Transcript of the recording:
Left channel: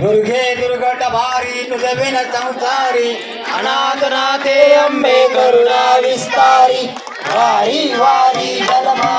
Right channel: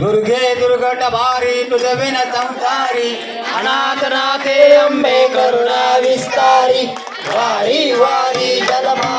दुर्गे दुर्घट भारी तुझ बिन संसारी अनाथ नाथे अंबे करुणा विस्तार वारी वारी जलमा